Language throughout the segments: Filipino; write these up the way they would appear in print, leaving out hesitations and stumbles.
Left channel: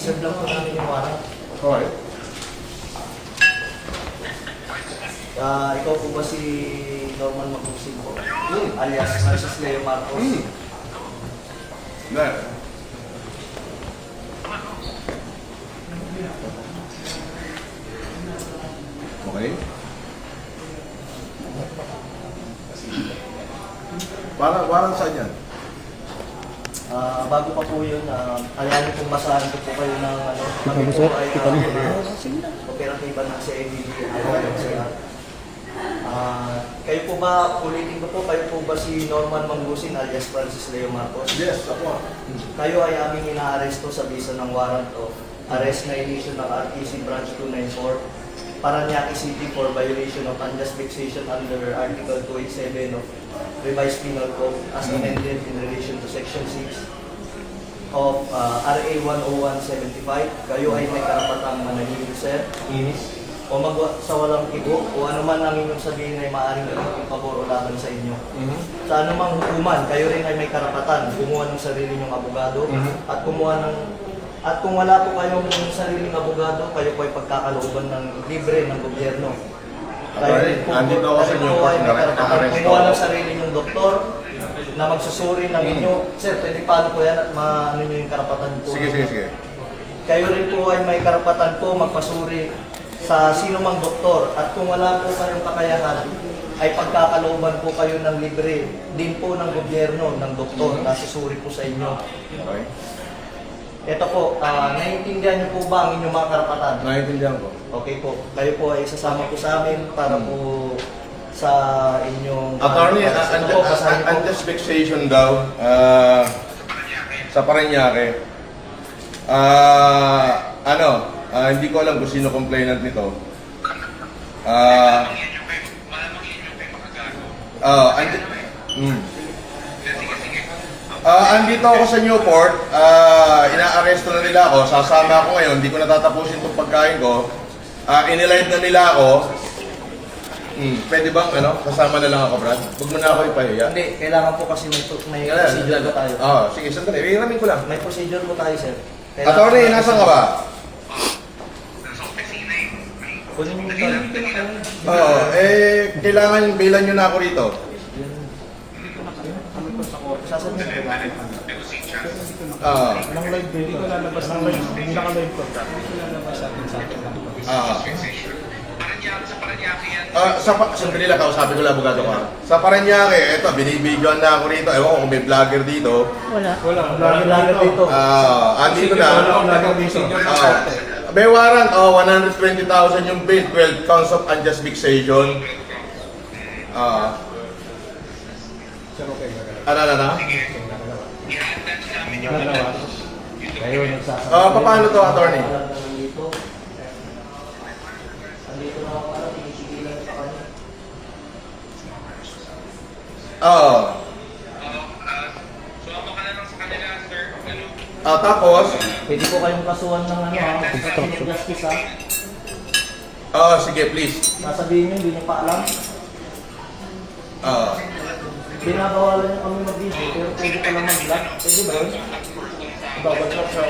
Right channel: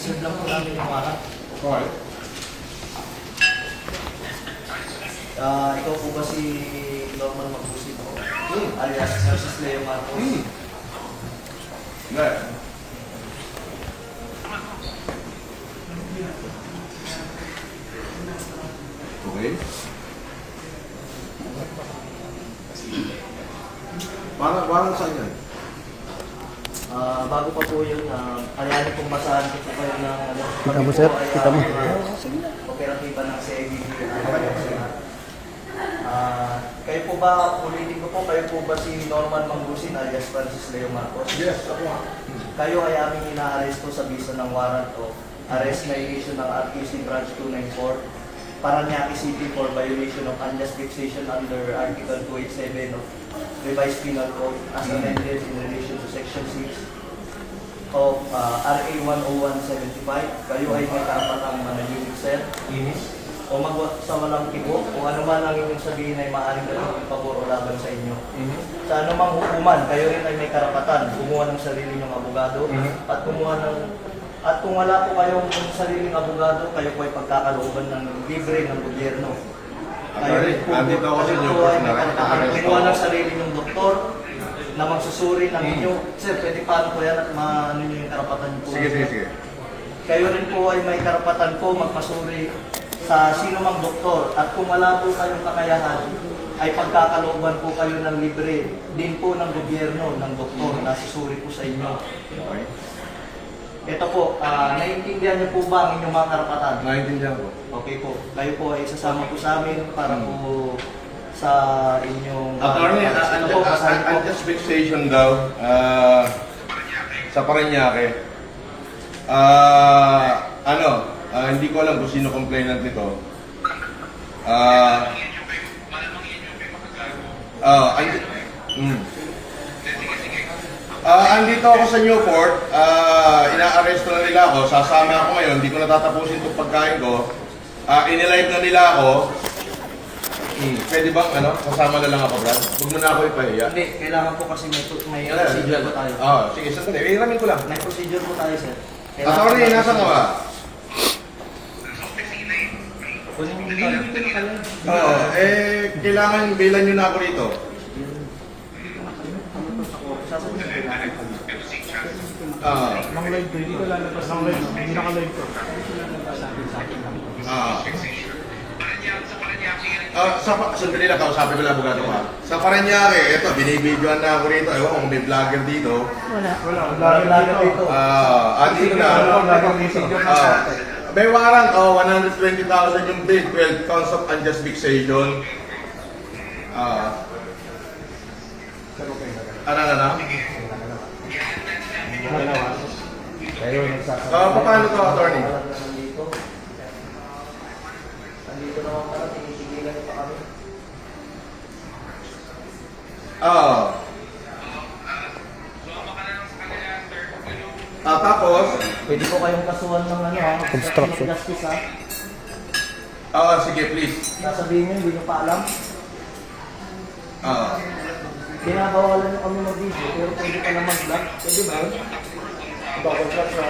Isi-serve lang po namin yung warrant. Okay. Ikaw po ba si Norman Magusig po? Alias Francis Leo Marcos? Hindi. Okay. Parang saan yan? Bago pa po yun, ayanin pong masahan ko po kayo ng ano. Kita mo, sir? Kita mo? Operatiba ng CIBD. Kayo po ba, ulitin ko po, kayo po ba si Norman Mangusig alias Francis Leo Marcos? Yes, ako. Kayo ay aming inaaresto sa bisa ng warrant of arrest na issue ng RTC Branch 294 Parañaque City for violation of unjust vexation under Article 287 of Revised Penal Code as amended in relation to Section 6 of RA 10175. Kayo ay may karapatang manahimik, sir. O sa walang tigo, o ano man ang inyong sabihin ay maaaring gawin pabor o laban sa inyo. Sa anumang hukuman, kayo rin ay may karapatan kumuha ng sarili ng abogado at kumuha ng kung wala po kayong sariling abogado, kayo po ay pagkakalooban ng libre ng gobyerno. Andito ako sa inyo kasi na-arrest kumuha ng sarili ng doktor na magsusuri ng inyo. Sir, pwede paano po yan at ano nyo yung karapatan po? Sige. Kayo rin po ay may karapatan po magpasuri sa sino mang doktor at kung wala po kayong kakayahan ay pagkakalooban po kayo ng libre din po ng gobyerno ng doktor na susuri po sa inyo. Okay. Ito po, naiintindihan niyo po ba ang inyong mga karapatan? Naiintindihan ko. Okay po, kayo po ay sasama po sa amin para po sa inyong... Attorney, ito po, basahin po. unjust vexation daw sa Parañaque. Hindi ko alam kung sino complainant nito. Andito ako sa Newport, ina-arresto na nila ako, sasama ako ngayon, hindi ko natatapusin itong pagkain ko. Inilive na nila ako. Pwede bang sasama na lang ako, Brad? Huwag mo na ako ipahiya. Hindi, kailangan po kasi may procedure po tayo. Sige, sandali. Iramin ko lang. May procedure po tayo, sir. Attorney, nasa ka ba? Kailangan bilan nyo na ako rito. Nang live ko, hindi ko lalabas ng live. Hindi naka-live ko. Sandali lang, kausapin ko lang abogado ko. Sa Parañaque, eto, binibidyoan na ako rito. Ewan ko kung may vlogger dito. Wala. Vlogger dito. Andito na. May warrant, 120,000 yung bill, 12 counts of unjust vexation. Kayo nagsasabi. Paano to, attorney? Andito naman pala, tinitigilan pa kami. Tapos, Pwede po kayong kasuhan ng construction justice sige, please. Nasabihin nyo, hindi nyo pa alam. Binabawalan nyo kami mag-video, pero pwede pa lang mag-vlog. Pwede ba yun? Babaglag sa...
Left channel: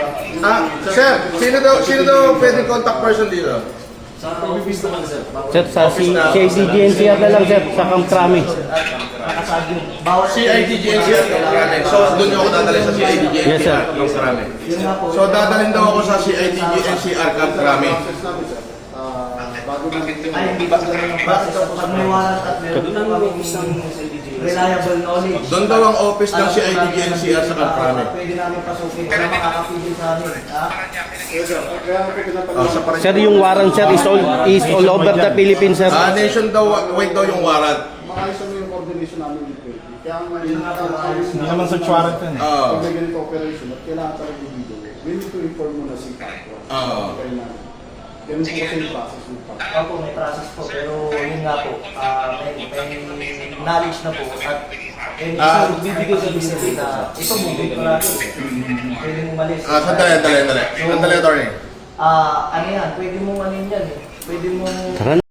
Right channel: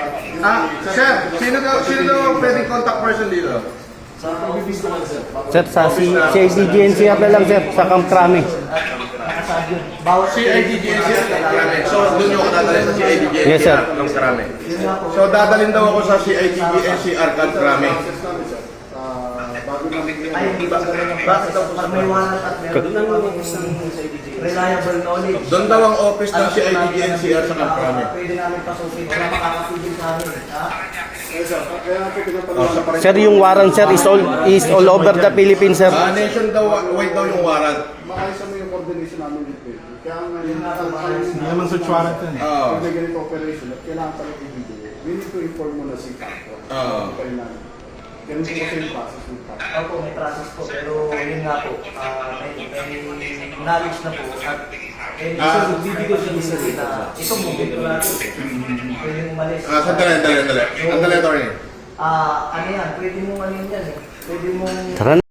Sir, sino daw pwede contact person dito? Sa pag-video naman, sir. Sir, sa CIDGNCR na lang, sir. Sa Camp Crame. Nakasad yun. Bawat CIDGNCR Karame. So, doon ako dadalhin sa CIDGNCR. Yes, sir. Karame. Yun nga po. So, dadalhin daw ako sa CIDGNCR Karame. Ay, hindi ba ganun ang process? Pag may warrant at meron na kami isang reliable knowledge. Doon daw ang office ng CIDGNCR sa Karame. Pwede namin pasukin. Wala makakapigil sa amin. Sir, yung warrant, sir, is all over the Philippines, sir. Nation daw, wait daw yung warrant. Maayos mo yung coordination namin with PED. Kaya nga Hindi naman search warrant yun. pag may ganito operation at kailangan talaga yung video, we need to inform mo na si Paco. Kaya namin. Ganun po kasi yung process ng Paco. Opo, may process po. Pero yun nga po, may knowledge na po. At bibigay sa business na ito mo, dito natin. Pwede mong malis. Sandali, attorney. Ano yan, pwede mong ano yan eh. Pwede mong... Tara